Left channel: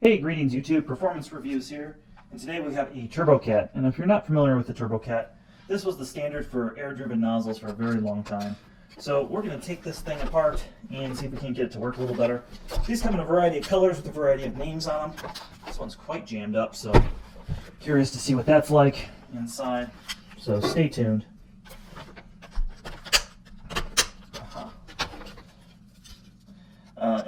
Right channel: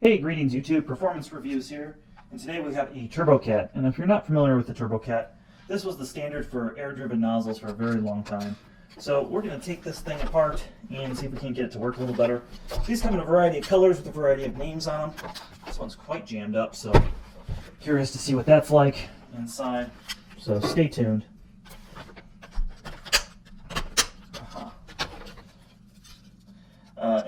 Hey, greetings YouTube, Performance Reviews here, and today we have a TurboCat, and if you're not familiar with the TurboCat, this was the standard for air-driven nozzles for a very long time. So we're going to take this thing apart and see if we can get it to work a little better. These come in a variety of colors with a variety of names on them. This one's quite jammed up, so curious to see what that's like inside, so stay tuned.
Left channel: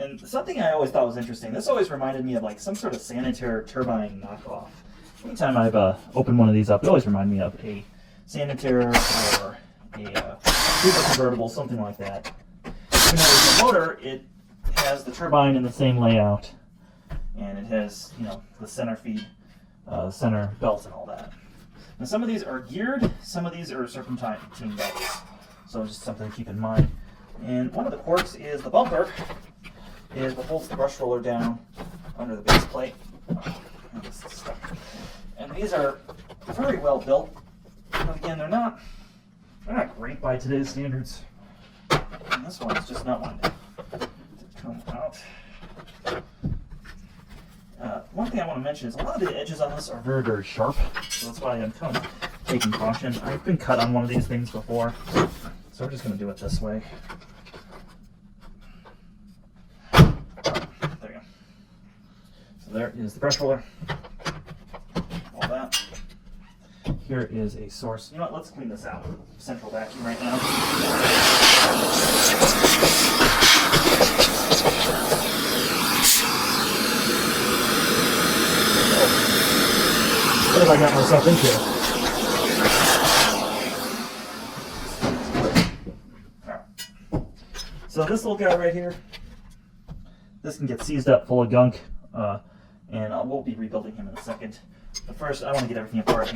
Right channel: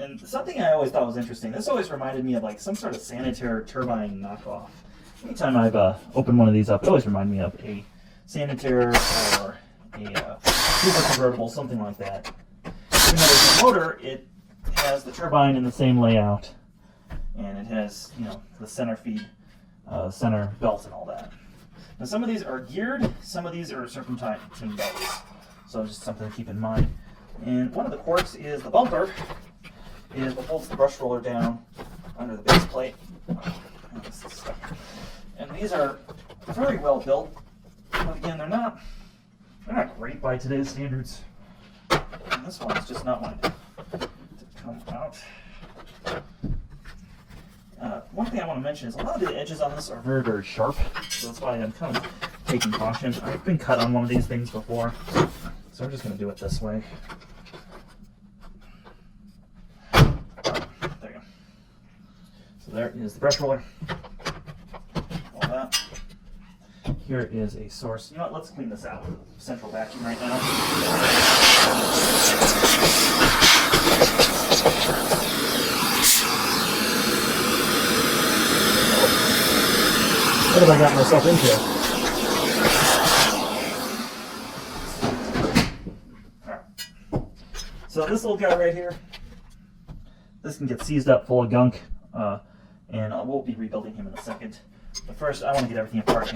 And something I always thought was interesting, this always reminded me of like some sort of sanitary turbine knockoff. Anytime I've opened one of these up, it always reminded me of a sanitary or a super convertible, something like that. Even though there's a motor, it has the turbine in the same layout, and it has, you know, the center feed, center belt and all that. Now some of these are geared, some of these are serpentine belts, so just something to keep in mind. And one of the quirks is the bumper is what holds the brush roller down under the base plate. And these are very well built, but again, they're not great by today's standards. And this one is just not one to come out. One thing I want to mention is a lot of the edges on this are very, very sharp, so that's why I'm kind of taking caution. I've been cut on one of these things before, so we're just going to do it this way. So there is the brush roller, all that. Here is a source. You know what, let's clean this out. Central vacuum right now. What have I got myself into? Alright. So this little guy right here, this can get seized up full of gunk. And we'll be rebuilding him in a second. But first, I want to get everything apart.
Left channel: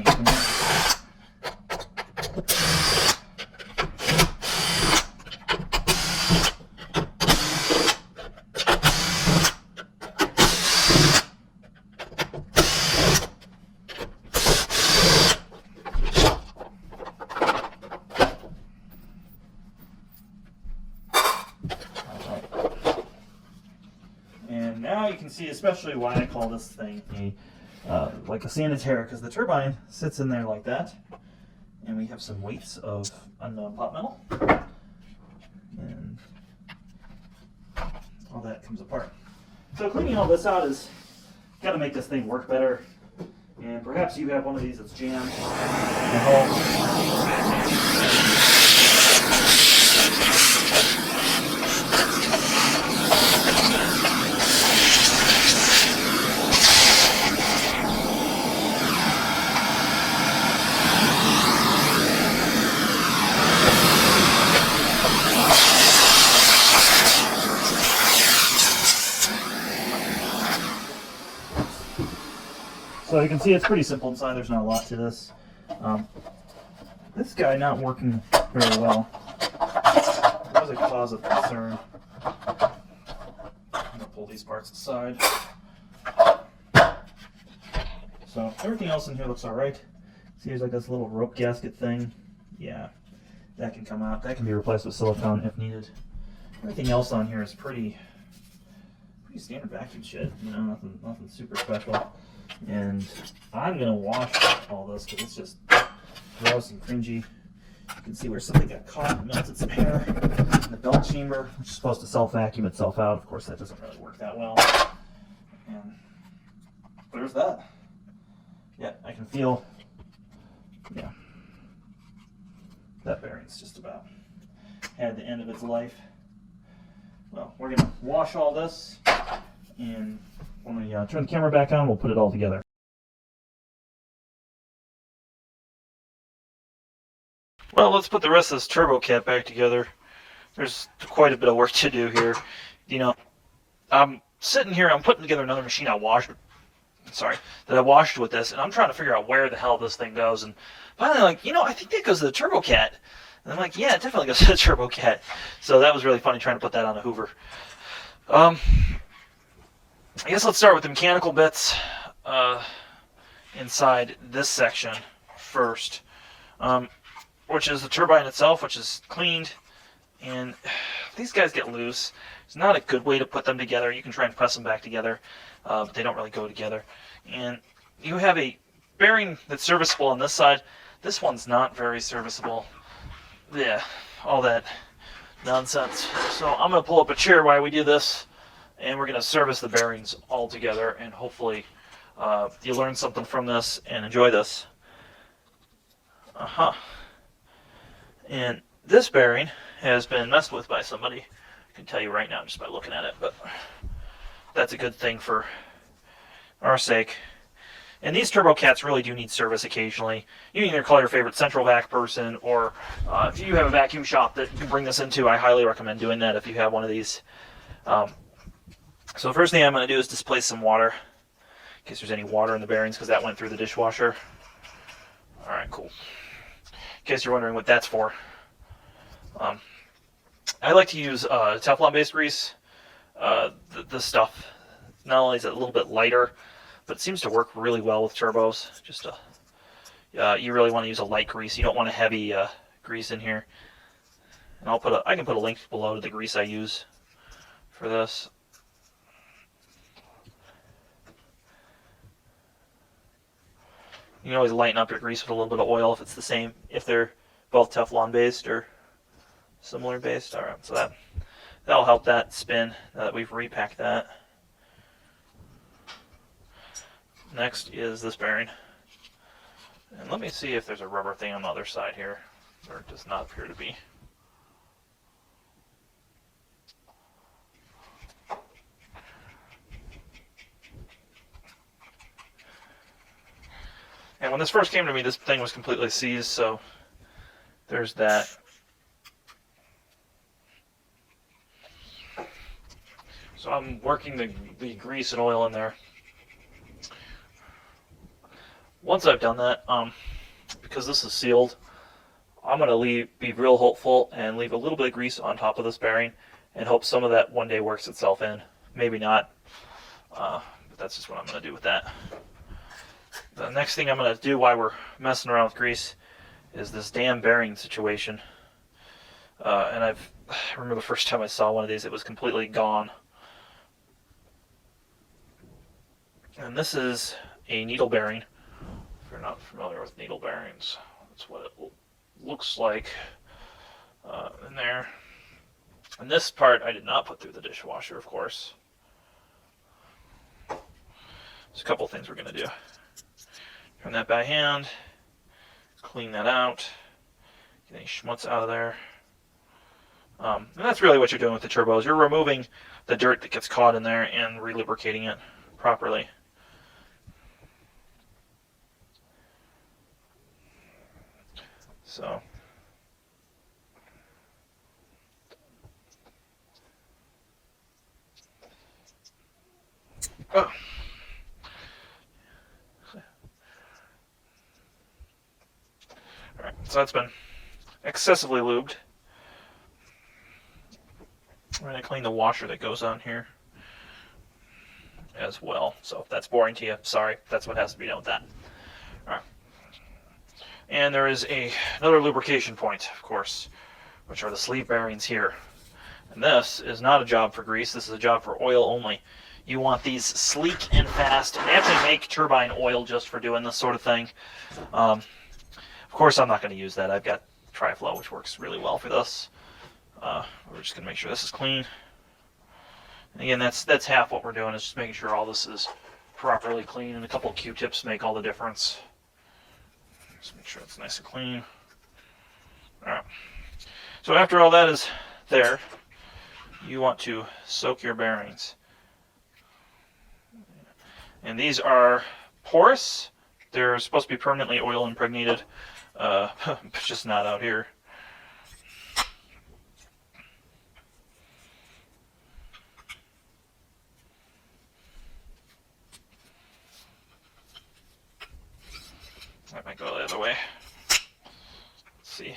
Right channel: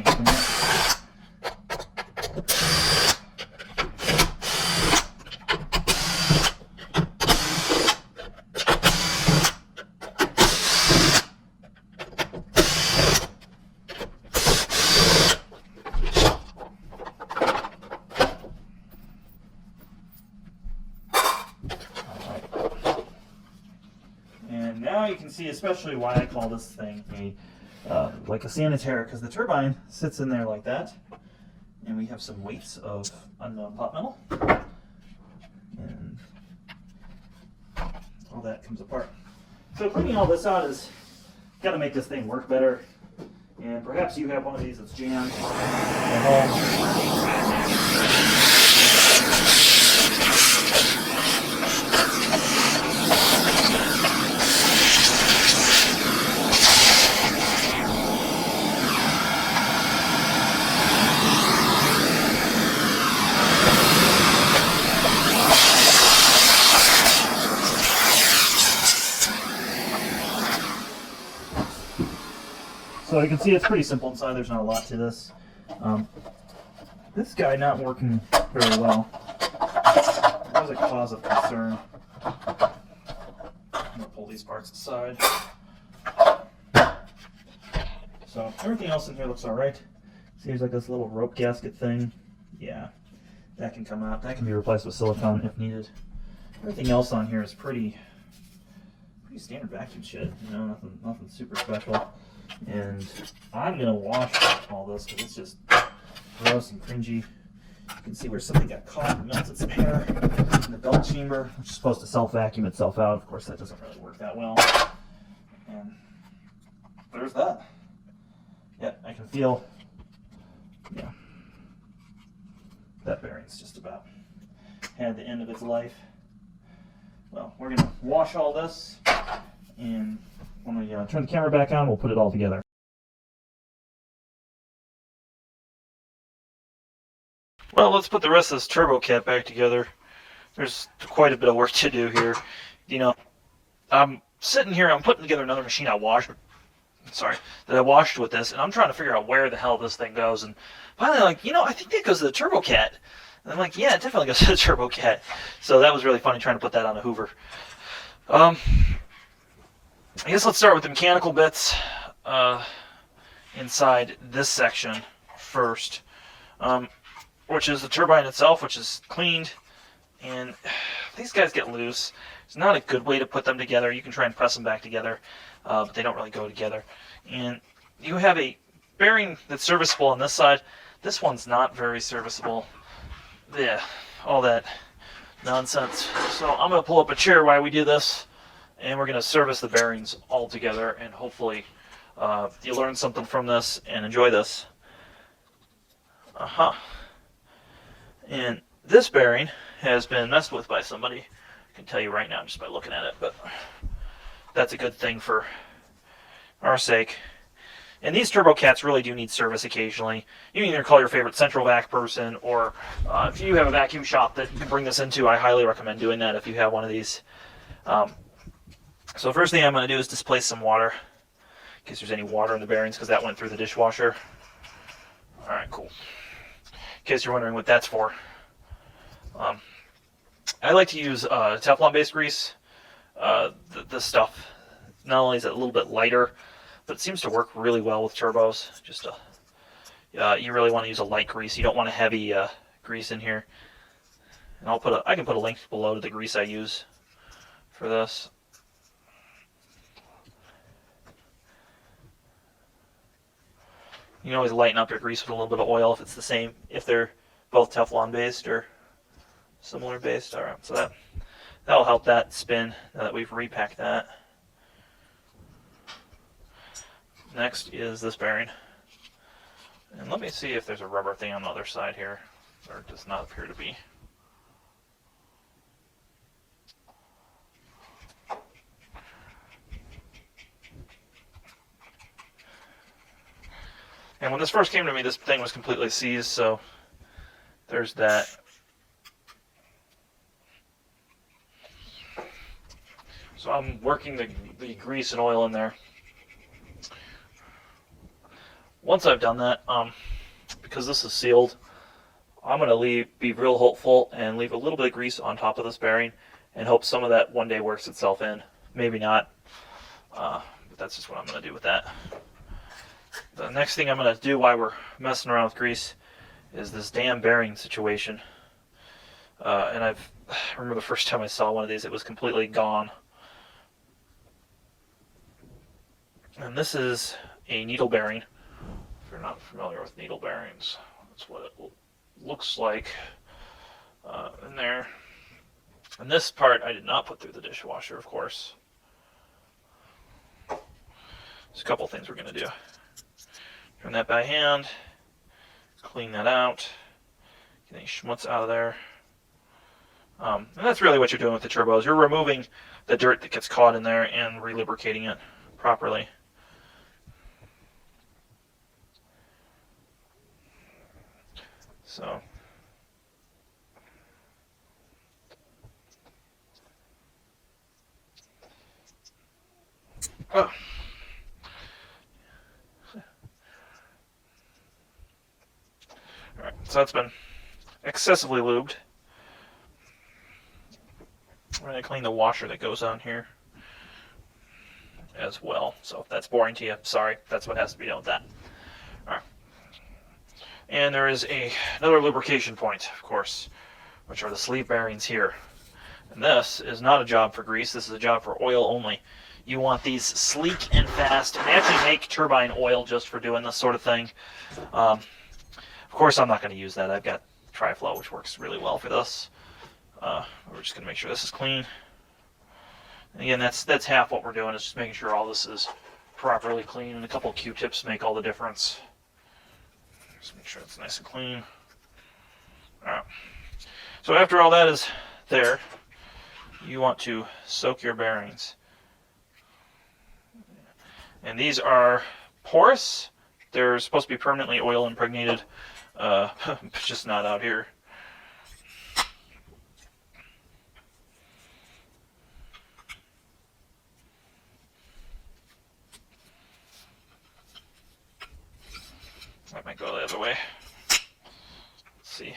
And now you can see especially why I call this thing like a sanitary, because the turbine sits in there like that, and we have some weights of unknown pot metal, and all that comes apart. So cleaning all this out is got to make this thing work better, and perhaps you have one of these that's jammed at home. So you can see it's pretty simple inside, there's not a lot to this. This guy not working very well. That was a cause of concern. I'm going to pull these parts aside. So everything else in here looks alright. See, there's like this little rope gasket thing. Yeah, that can come out. That can be replaced with silicone if needed. Everything else on here is pretty standard vacuum shit, you know, nothing super special. And I'm gonna wash all this because it's just gross and cringy. You can see where something got caught and melted some hair in the belt chamber, which is supposed to self-vacuum itself out. Of course, that doesn't really work that well. And there's that. Yeah, I can feel, yeah, that bearing's just about had the end of its life. Well, we're gonna wash all this, and when we turn the camera back on, we'll put it all together. Well, let's put the rest of this TurboCat back together. There's quite a bit of work to do here. You know, I'm sitting here, I'm putting together another machine I washed with this, and I'm trying to figure out where the hell this thing goes. And finally, like, you know, I think that goes to the TurboCat. And I'm like, yeah, it definitely goes to the TurboCat. So that was really funny trying to put that on a Hoover. I guess let's start with the mechanical bits inside this section first, which is the turbine itself, which is cleaned. And these guys get loose. It's not a good way to put them together. You can try and press them back together. but they don't really go together. And you have a bearing that's serviceable on this side. This one's not very serviceable. Yeah, all that nonsense. So I'm going to pull up a chair while we do this, and we're going to service the bearings all together, and hopefully you learn something from this and enjoy this. And this bearing has been messed with by somebody. I can tell you right now just by looking at it, but that's a good thing for our sake. And these turbo cats really do need service occasionally. You can either call your favorite central vac person, or if you have a vacuum shop that you can bring this into, I highly recommend doing that if you have one of these. So the first thing I'm going to do is displace some water, in case there's any water in the bearings, because that went through the dishwasher. Alright, cool. In case you're wondering what that's for. I like to use Teflon-based grease. This stuff, not only is it a little bit lighter, but it seems to work really well with turbos. Just you really want to use a light grease. You don't want a heavy grease in here. And I can put a link below to the grease I use for this. You can always lighten up your grease with a little bit of oil if it's the same, if they're both Teflon based or similar based. Alright, so that'll help that spin now that we've repacked that. Next is this bearing. And let me see if there's a rubber thing on the other side here. There does not appear to be. And when this first came to me, this thing was completely seized, so there's that. So I'm working the grease and oil in there. Once I've done that, because this is sealed, I'm going to be real hopeful and leave a little bit of grease on top of this bearing and hope some of that one day works itself in. Maybe not, but that's just what I'm going to do with that. The next thing I'm going to do while we're messing around with grease is this damn bearing situation. And I remember the first time I saw one of these, it was completely gone. And this is a needle bearing. If you're not familiar with needle bearings, that's what it looks like in there. And this part I did not put through the dishwasher, of course. There's a couple things we're going to do. Turn that by hand, clean that out, get any schmutz out of there. And that's really what you're doing with the turbos. You're removing the dirt that gets caught in there and relubricating it properly. So oh. Alright, so that's been excessively lubed. I'm going to clean the washer that goes on here as well. So if that's boring to you, sorry, that's what has to be done with that. Alright. And there is another lubrication point, of course, which are the sleeve bearings here. And this is not a job for grease, this is a job for oil only. You want these sleek and fast. They actually make turbine oil just for doing this sort of thing. Of course, I'm not going to use that. I've got Tri-Flow, which works really well for this. We're just going to make sure this is clean. And again, that's half what we're doing, is just making sure all this is properly clean, and a couple of Q-tips make all the difference. Just make sure it's nice and clean. All right. So after all that is there, you want to soak your bearings. And these are porous. They're supposed to be permanently oil impregnated. Just not out here. I might go the other way. Let's see.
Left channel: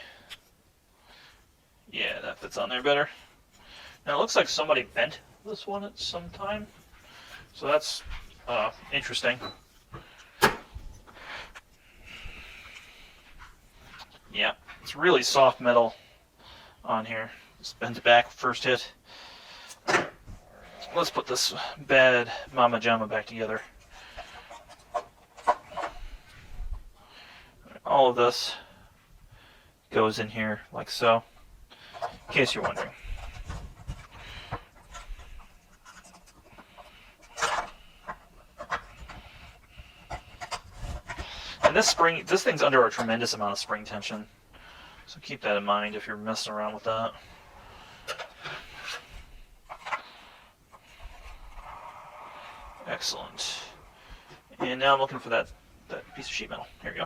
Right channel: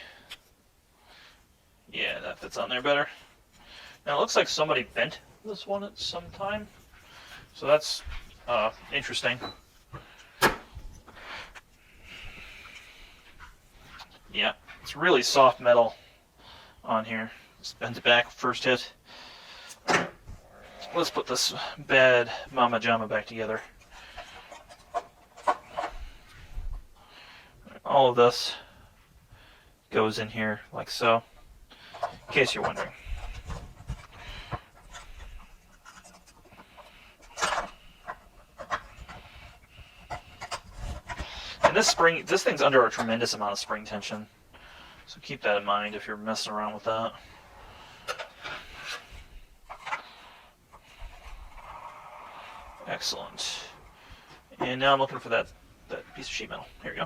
Yeah, that fits on there better. Now it looks like somebody bent this one at some time. So that's interesting. Yeah, it's really soft metal on here. Let's bend it back first hit. let's put this bad Mama Jama back together. All of this goes in here like so, in case you're wondering. And this thing's under a tremendous amount of spring tension, so keep that in mind if you're messing around with that. Excellent. And now I'm looking for that piece of sheet metal. Here we go.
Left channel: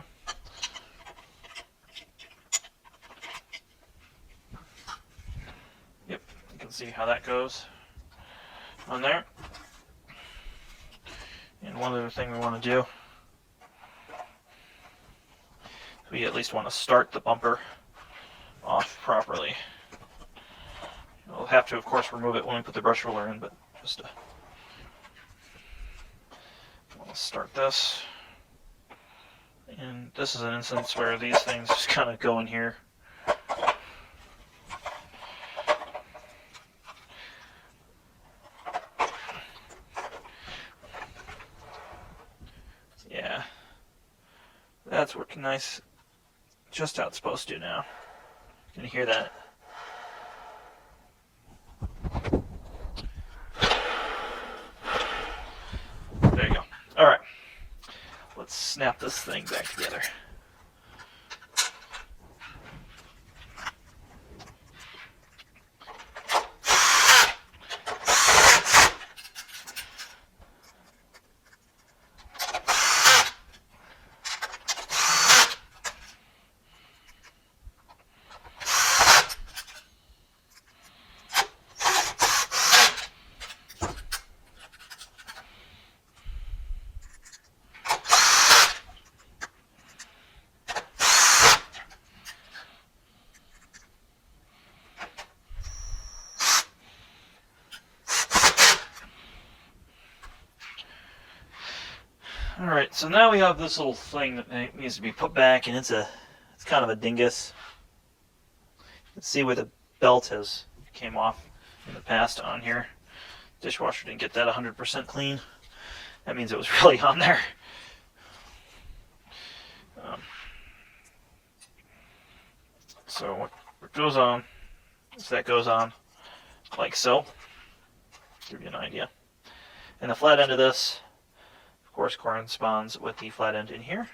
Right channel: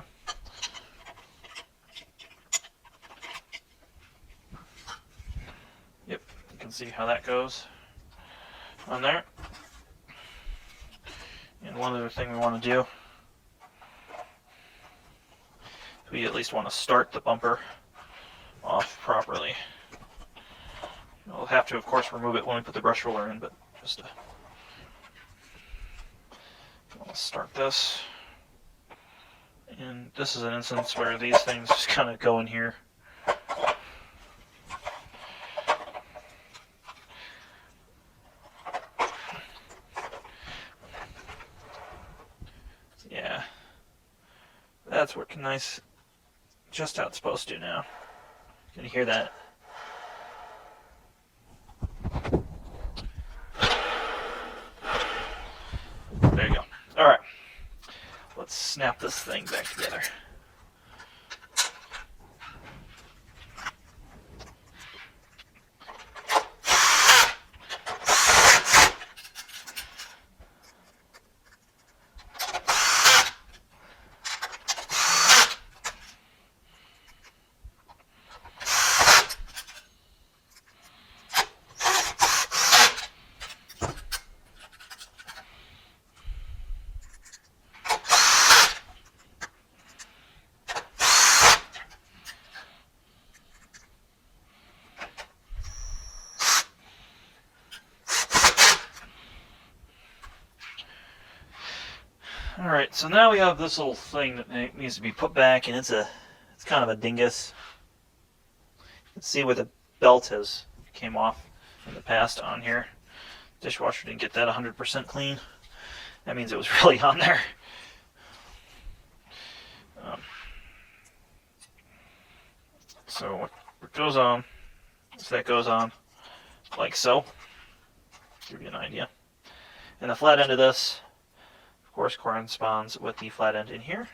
Yep, you can see how that goes on there. And one other thing we want to do, we at least want to start the bumper off properly. We'll have to, of course, remove it when we put the brush roller in, but just to I'll start this. And this is an instance where these things just kind of go in here. Yeah, that's working nice. Just how it's supposed to now. Can you hear that? There you go. All right. Let's snap this thing back together. Alright, so now we have this little thing that needs to be put back, and it's kind of a dingus. Let's see where the belt came off in the past on here. Dishwasher didn't get that 100% clean. That means it was really on there. So what goes on is that goes on like so. Give you an idea. And the flat end of this, of course, corresponds with the flat end in here.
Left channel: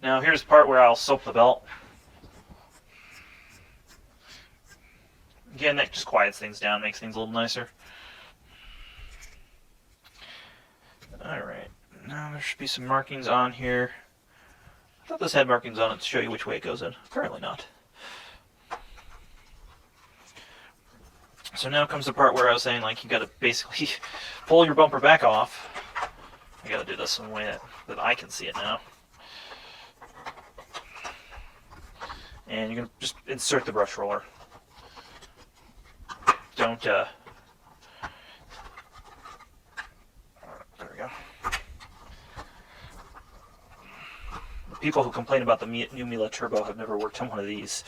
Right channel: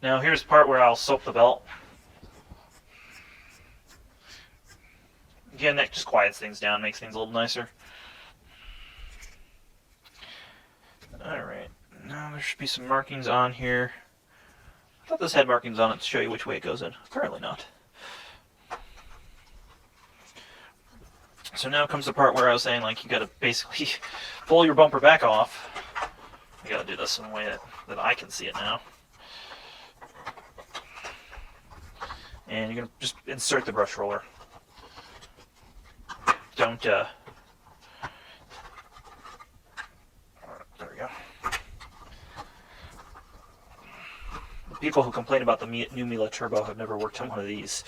Now here's the part where I'll soap the belt. Again, that just quiets things down, makes things a little nicer. Alright, now there should be some markings on here. I thought this had markings on it to show you which way it goes in. Apparently not. So now comes the part where I was saying, like, you gotta basically pull your bumper back off. I gotta do this in a way that I can see it now. And you're gonna just insert the brush roller. Don't, there we go. The people who complain about the new Miele Turbo have never worked on one of these.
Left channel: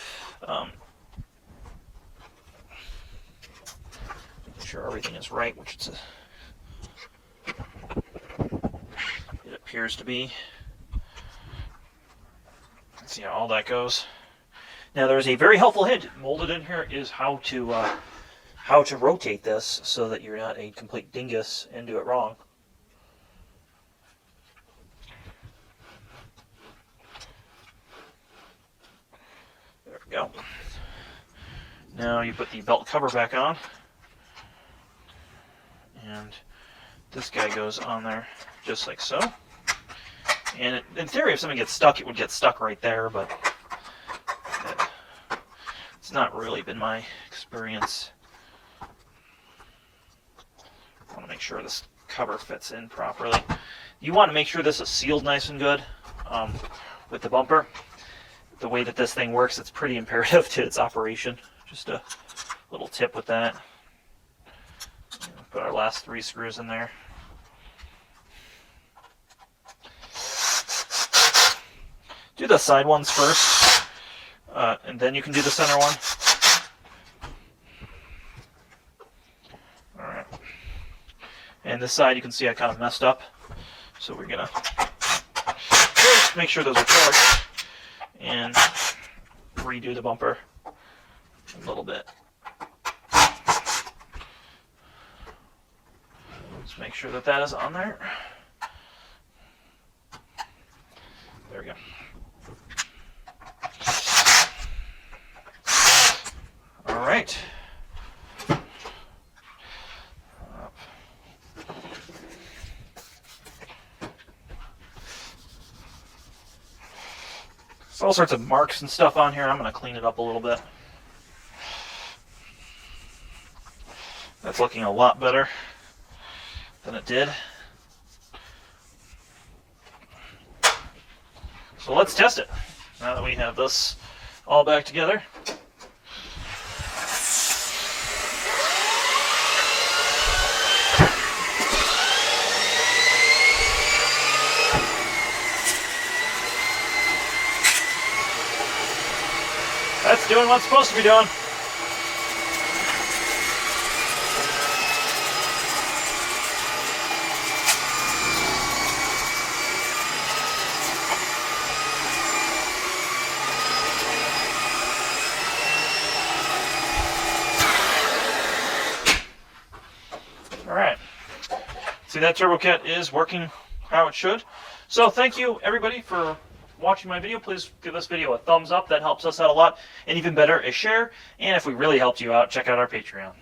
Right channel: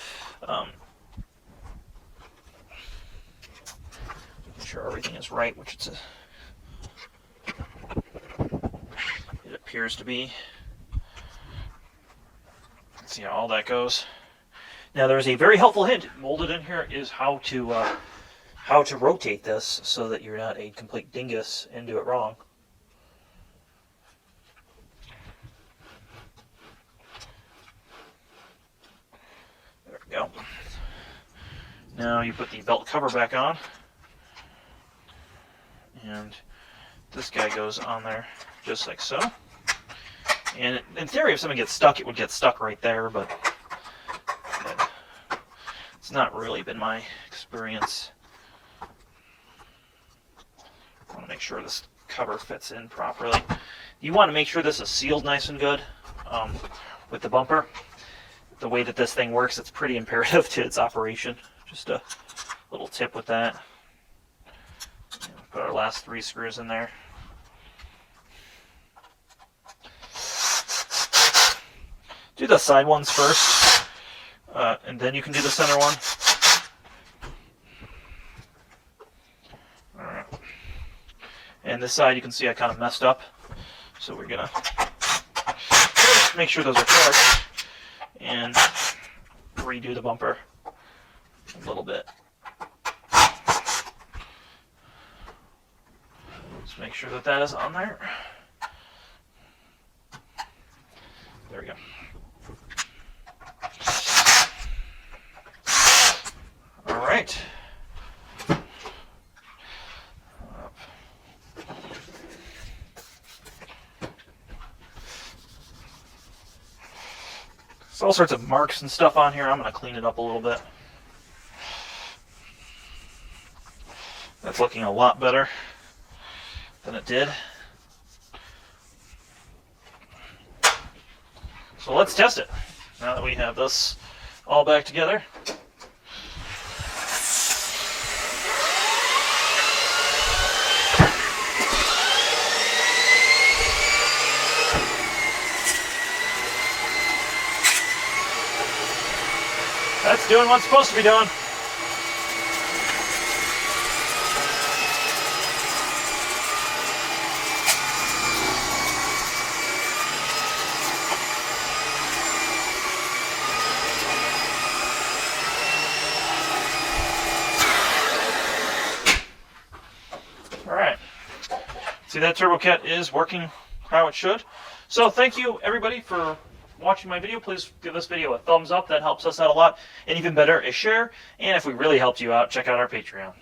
Sure everything is right, which it appears to be. See how all that goes. Now there's a very helpful hint molded in here is how to rotate this so that you're not a complete dingus and do it wrong. There we go. Now you put the belt cover back on. And this guy goes on there just like so. And in theory, if something gets stuck, it would get stuck right there, but it's not really been my experience. I want to make sure this cover fits in properly. You want to make sure this is sealed nice and good with the bumper. The way that this thing works, it's pretty imperative to its operation. Just a little tip with that. Put our last 3 screws in there. Do the side ones first, and then you can do the center one. And this side you can see I kind of messed up. So we're gonna first make sure those are correct and redo the bumper a little bit. Let's make sure that that is on there. There we go. All right. There's all sorts of marks and stuff on here. I'm going to clean it up a little bit. That's looking a lot better than it did. So let's test it now that we have this all back together. That's doing what it's supposed to be doing. Alright. See, that turbo kit is working how it should. So thank you everybody for watching my video. Please give this video a thumbs up. That helps us out a lot. And even better, a share. And if we really helped you out, check out our Patreon.